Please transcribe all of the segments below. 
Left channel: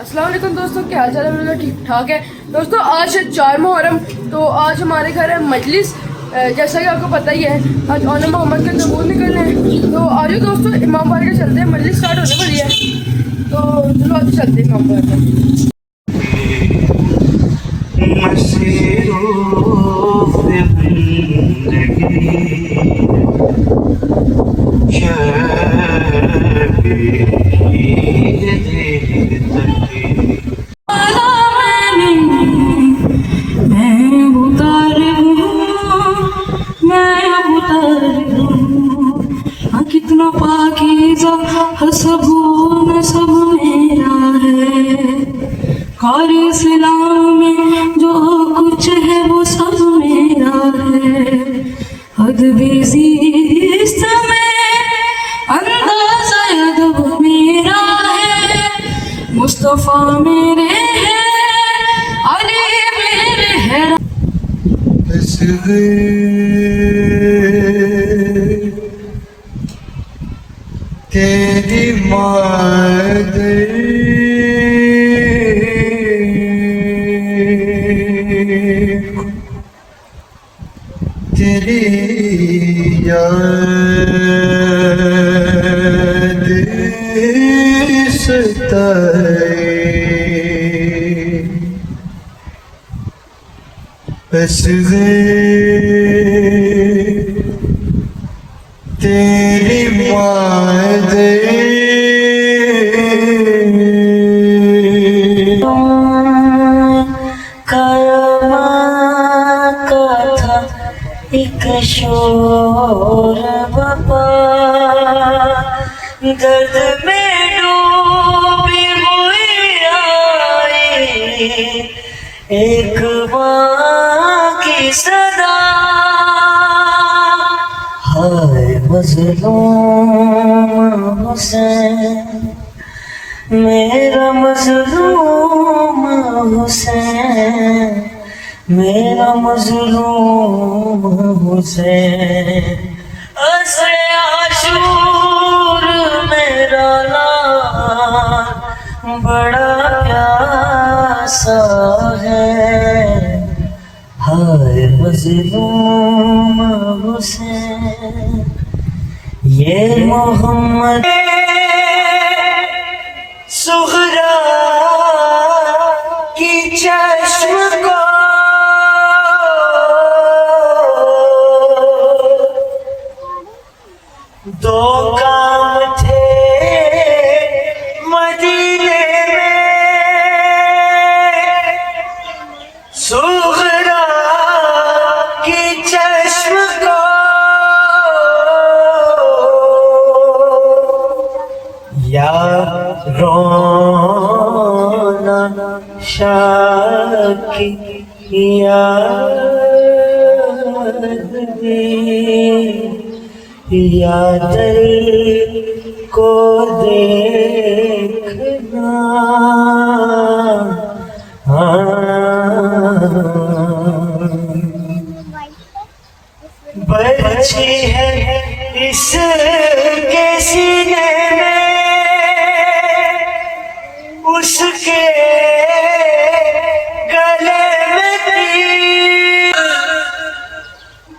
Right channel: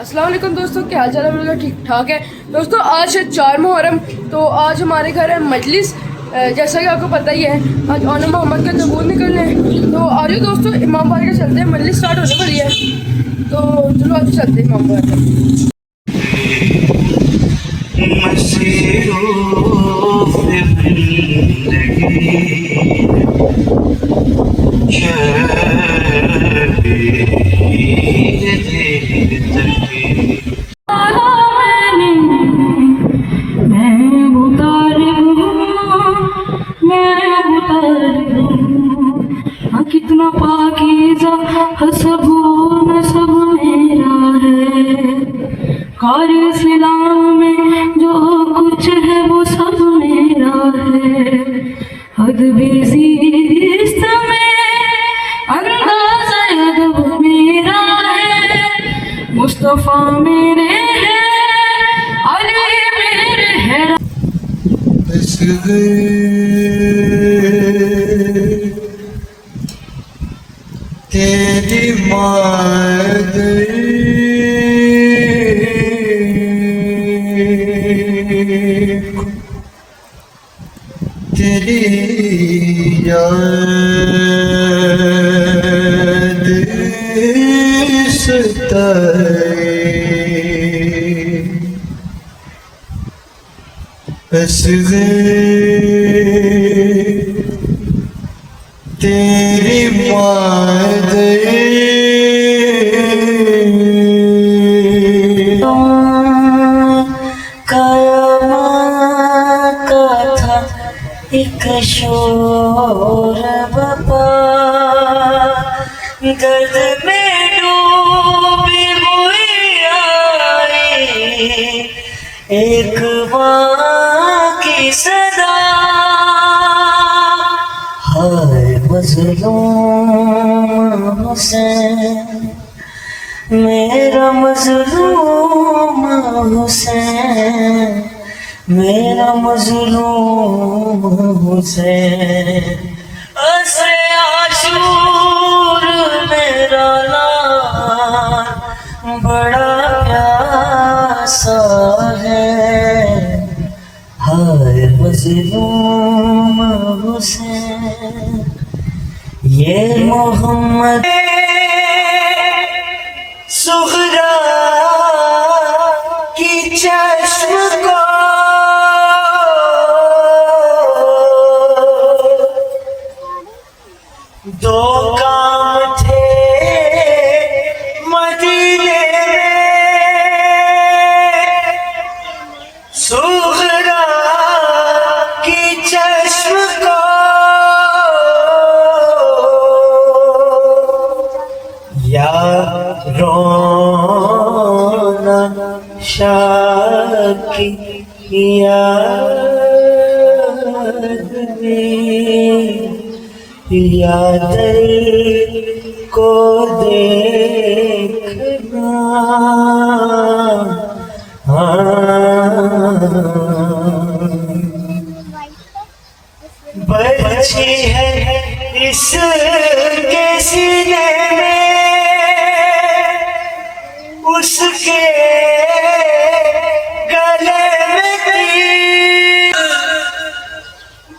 السلام علیکم دوستوں، کیا حال چال ہے؟ میرا ٹھیک ٹھاک ہے دوستوں۔ آج ہے 4 محرم، تو آج ہمارے گھر ہے مجلس، جیسا کہ آپ کو پتہ ہی ہے آج اون محمد کا تبور نکلنا ہے۔ تو آج دوستوں امام باڑہ کے چلتے ہیں، مجلس اسٹارٹ ہونے والی ہے، تو چلو آج چلتے ہیں امام باڑہ کا۔ کتنا پاکیزہ حسب و نسب میرا ہے، اور اسلام میں جو کچھ ہے وہ سب میرا ہے، ادبی زیست میں انداز ادب میرا ہے، مصطفیٰ میرے ہیں، علی میرے ہیں۔ تیری مادری تیری یاد ستائے، اصغر تیری مادری قیامت کا تھا ایک شور بپا، درد میں ڈوبی ہوئی آئی ایک ماں کی صدا، ہائے مظلوم حسین میرا مظلوم حسین، میرا مظلوم حسین، عصر عاشور میرا لال بڑا پیاسا ہے، ہائے مظلوم حسین، یہ محمد سغرا کی چشم کو دو کام تھے مدینے میں، سغرا کی چشم کو یا رونا شاہ کی یاد میں، یا دل کو دیکھنا برچھی ہے اس کے سینے میں، اس کے گلے میں تیر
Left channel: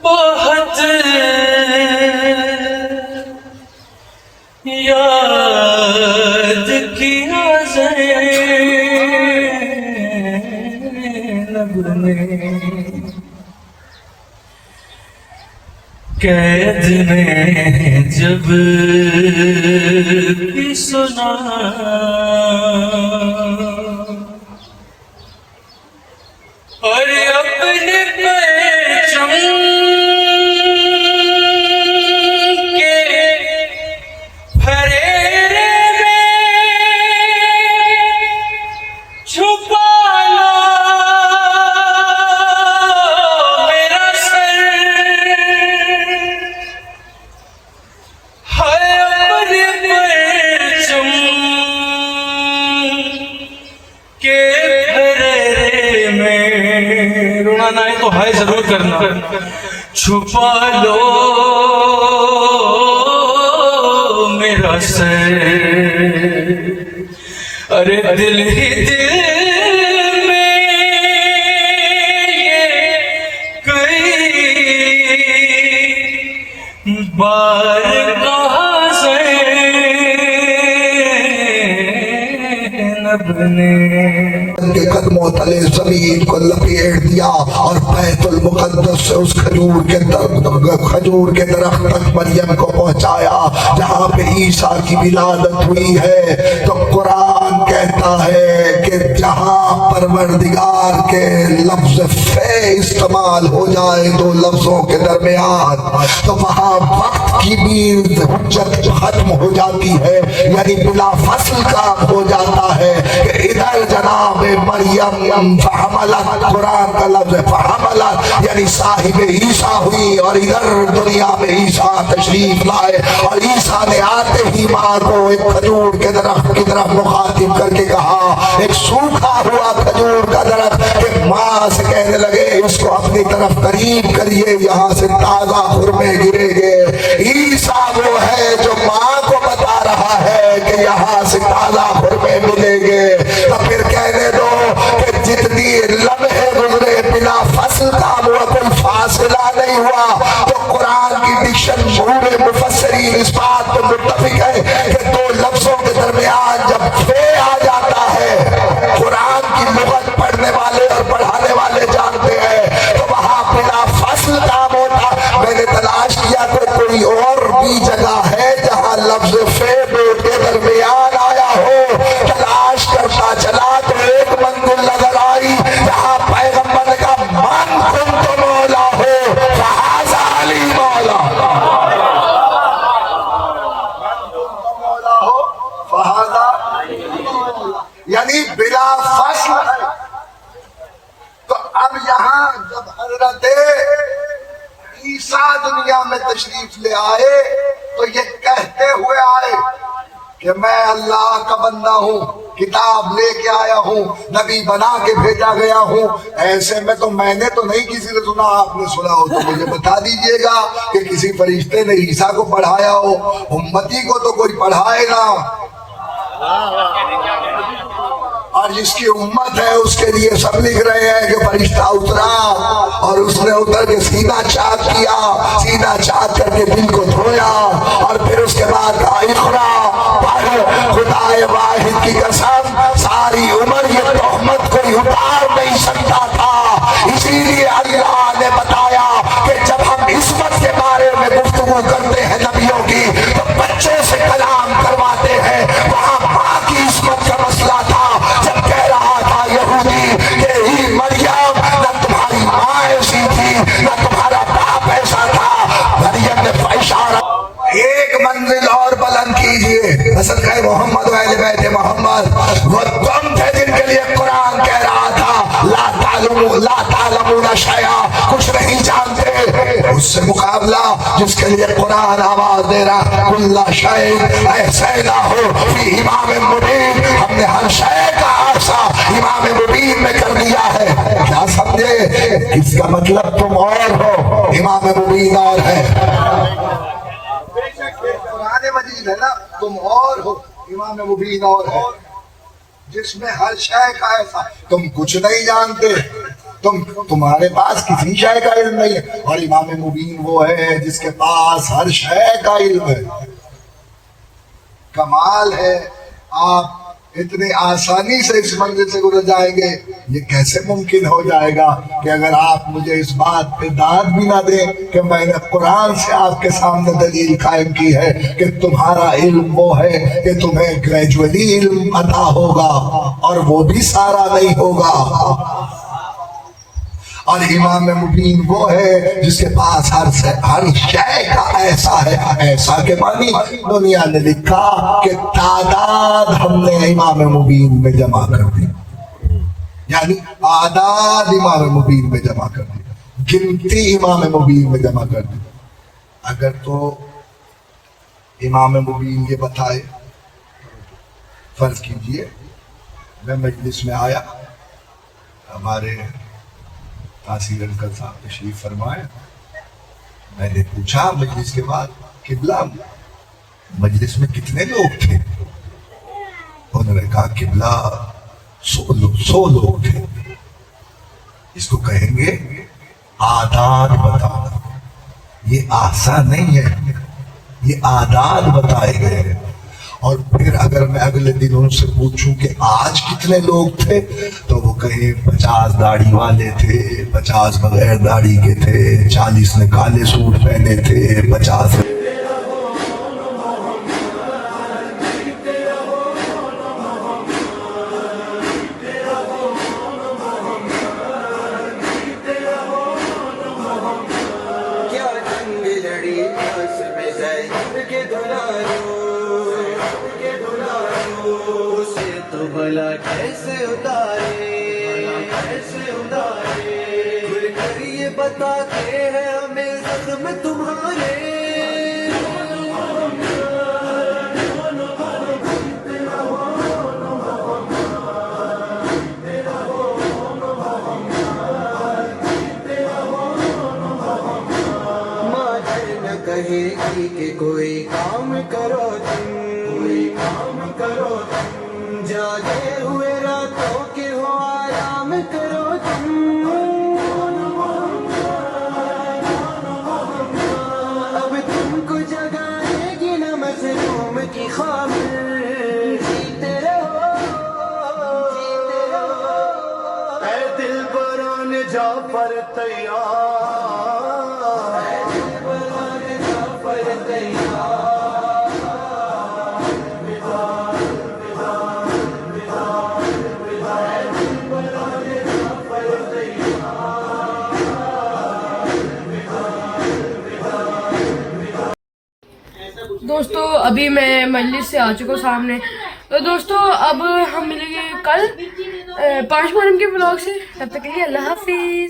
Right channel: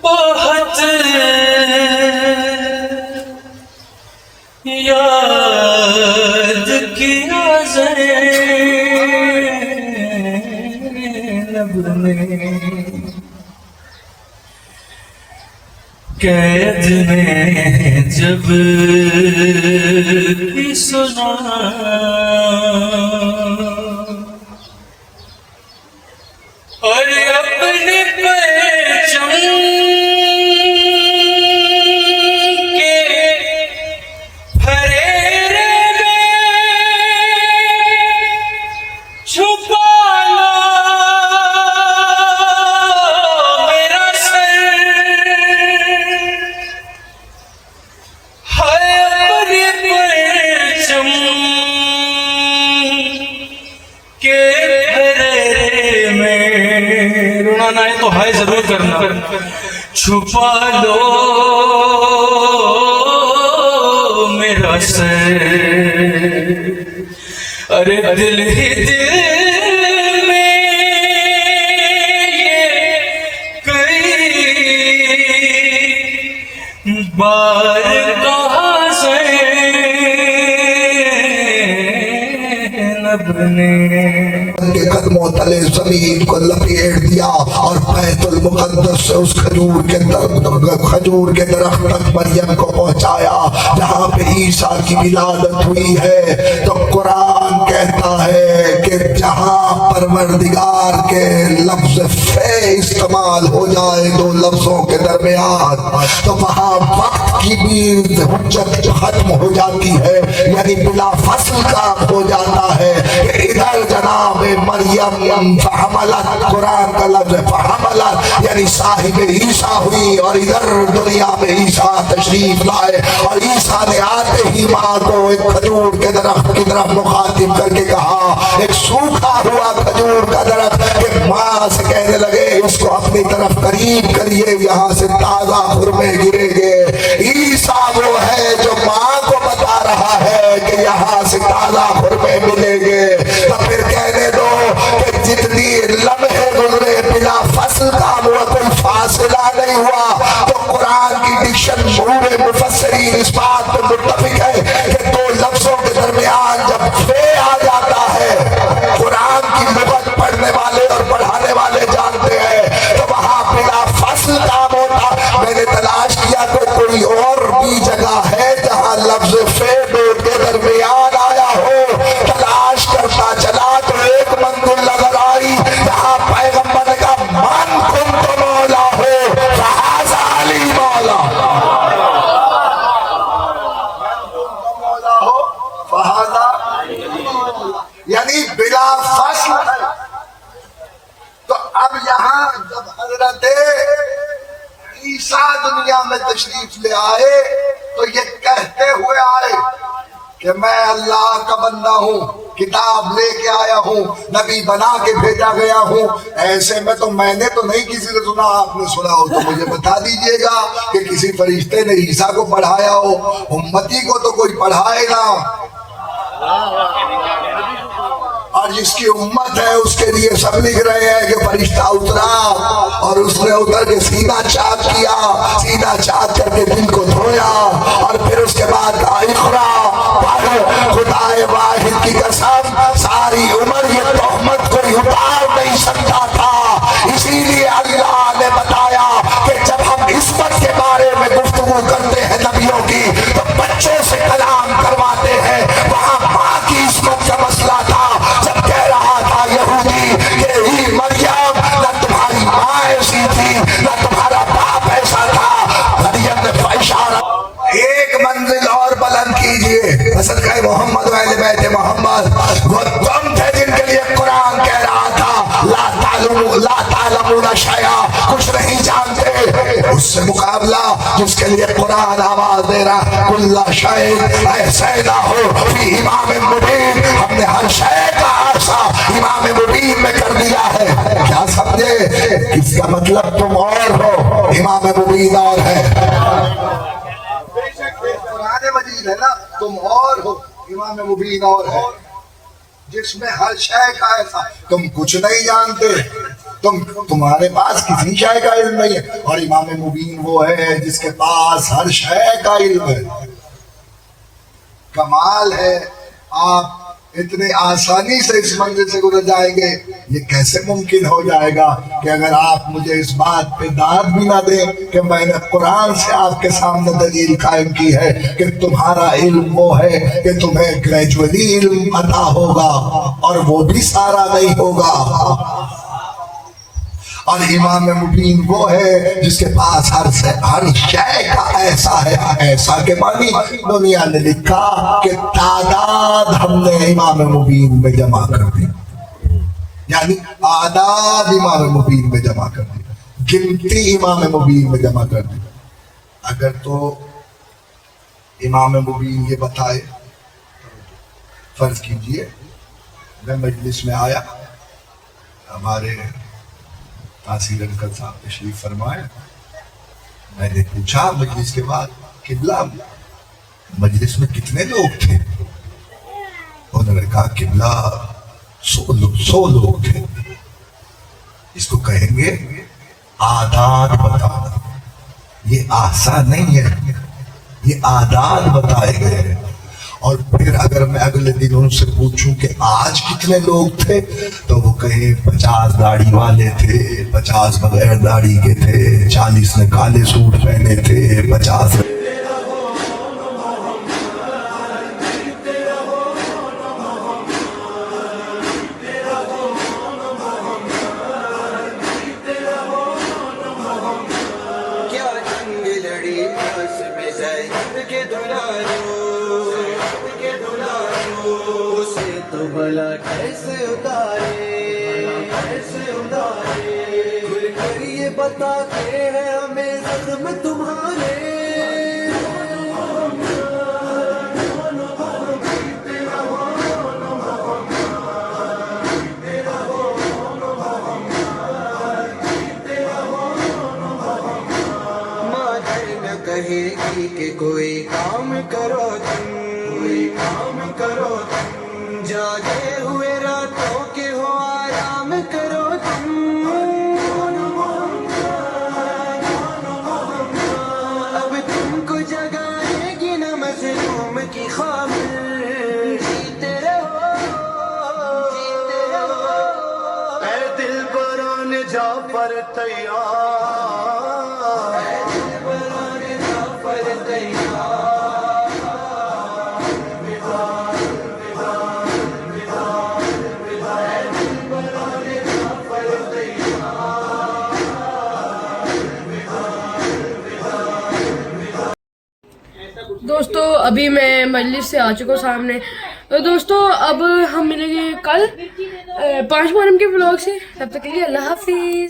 بہت یاد کیا زینب نے، قید میں جب بھی سنا اور اپنے پرچم کے پھریرے میں چھپا لو میرا سر، ہائے اپنے پرچم کے پھریرے میں، رونا نہ ہے تو ہائے ضرور کرنا، چھپا لو میرا سر، ارے अरे दिल ही दिल में कई बार कहा ज़ैनब ने के कदमों तले जमीन को लपेट दिया और बैतुल मुकद्दस से उस खजूर के दरख्त तक मरियम को पहुंचाया जहाँ पे ईसा की विलादत हुई है। तो कुरान कहता है कि जहाँ परवरदिगार के लफ्ज फे इस्तेमाल हो जाए दो लफ्जों के दरमियान तो वहाँ वक्त की भी हुज्जत खत्म हो जाती है, यानी बिला फसल काम हो जाता है। इधर जनाब मरियम फहमलत, कुरान का लफ्ज फहमलत यानी साहिब ईसा हुई, और इधर दुनिया में ईसा तशरीफ लाए और ईसा ने आते ही माँ को एक खजूर के दरख्त की तरफ मुखातिब करके कहा, एक सूखा हुआ खजूर का दरख्त, एक माँ से कहने लगे इसको अपनी तरफ करीब करिए, यहाँ से ताजा खुरमे गिरेंगे। ईसा वो है जो माँ को बता रहा है कि यहाँ से ताजा खुरमे मिलेंगे। तो फिर कहने दो कि जितनी लम्हे गुजरे बिना फसल का वो कोई फासला नहीं हुआ। तो कुरान की डिक्शन पूरे मुफस्सिरीन इस बात पर मुत्तफिक है कि दो लफ्जों के दरमियान जब फे आ जाता है, कुरान की लुगत पढ़ने वाले और पढ़ाने वाले जानते हैं, तो वहाँ बिना फसल काम होता। मैंने तलाश किया कि कोई और भी जगह है जहाँ लफ्ज फे के दरमियान आया हो। तलाश करता चला तो एक मंजिल नजर आई जहाँ पैगम्बर का मन खुद तो मौला हो, फहाज़ा अली मौला हो, फहाज़ा यानी बिला फसल है। तो अब यहाँ जब हजरत ईसा दुनिया में तशरीफ ले आए तो ये कहते हुए आए कि मैं अल्लाह का बंदा हूँ, किताब लेके आया हूँ, नबी बना के भेजा गया हूँ। ऐसे में तो मैंने तो नहीं किसी से सुना, आपने सुना हो तो मुझे बता दीजिएगा कि किसी फरिश्ते ने ईसा को पढ़ाया हो। उम्मती को तो कोई पढ़ाए ना, और जिसकी उम्मत है उसके लिए सब लिख रहे हैं कि फरिश्ता उतरा और उसने उतर के सीना चाक किया, सीना चाक करके दिल को धोया और फिर उसके बाद इक़रा खुदाए वाहिद की कसम सारी उम्र ये तोहमत कोई उतार नहीं सकता था। इसीलिए अल्लाह ने बताया कि जब हम इस्मत के बारे में गुफ्तगू करते हैं नबियों की तो बच्चे से कलाम करवाते हैं। वहाँ माँ की इस्मत का मसला था जब कह रहा था यहूदी कि ही मरियम न तुम्हारी माँ ऐसी थी न तुम्हारा बाप ऐसा था। मरियम ने इशारा एक मंजिल और बुलंद कीजिए, असद का मोहम्मद बैत मोहम्मद वो तुम थे जिनके लिए कुरान कह रहा था ला तालमूना शैआ, कुछ नहीं जानते। उससे मुकाबला जिसके लिए कुरान आवाज दे रहा कुल्ला शै ऐसा हो इमाम मुबीन, हमने हर शय का आसा इमाम मुबीन में कर दिया है। क्या समझे? इसका मतलब तुम और हो, इमाम मुबीन और है। कुरान मजीद है ना, तुम और हो, इमाम मुबीन और है, जिसमें हर शय का ऐसा। तुम कुछ नहीं जानते, तुम्हारे पास किसी शय का इल्म नहीं है, और इमाम मुबीन वो है जिसके पास हर शय का इल्म है। कमाल है, आप इतने आसानी से इस मंजिल से गुजर जाएंगे। ये कैसे मुमकिन हो जाएगा कि अगर आप मुझे इस बात पे दाद भी ना दें कि मैंने कुरान से आपके सामने दलील कायम की है कि तुम्हारा इल्म वो है कि तुम्हें ग्रेजुअली इल्म अता होगा, और वो भी सारा नहीं होगा। और इमाम मुबीन वो है जिसके पास हर शय का ऐसा है। ऐसा के मानी दुनिया ने लिखा कि तादाद हमने इमाम मुबीन में जमा कर दी, यानी आदाद इमाम मुबीन में जमा कर दी, गिनती इमाम मुबीन में जमा कर दी। अगर तो इमाम मुबीन ये बताए, फर्ज कीजिए मैं मजलिस में आया, हमारे तासीर अंकल साहब तशरीफ फरमाए, मैंने पूछा मजलिस के बाद किबला मजलिस में कितने लोग थे? انہوں نے کہا قبلہ 100 لوگ تھے، اس کو کہیں گے عادات بتانا. یہ آسان نہیں ہے، یہ عادات بتائے گئے ہیں. اور پھر اگر میں اگلے دن ان سے پوچھوں کہ آج کتنے لوگ تھے تو وہ کہیں 50 داڑھی والے تھے، 50 بغیر داڑھی کے تھے، 40 نے کالے سوٹ پہنے تھے، 50 بھلا کیسے اتارے کھل کر یہ بتاتے ہیں ہمیں زخم تمہارے. مادر نہ کہے گی کہ کوئی کام کرو تم، کوئی کام کرو تم، جاگے ہوئے راتوں کے ہو آرام کرو تم. اب تم کو جگائے گی نہ مظلوم کی خواب، جیتے رہو جیتے رہو. اے دل بران جا پر تیار، اے دل بران جا پر تیار. دوستو ابھی میں مجلس سے آ چکا ہوں سامنے. تو دوستو اب ہم ملیں گے کل 5 محرم کے بلاگ سے. تب تک کے لیے اللہ حافظ.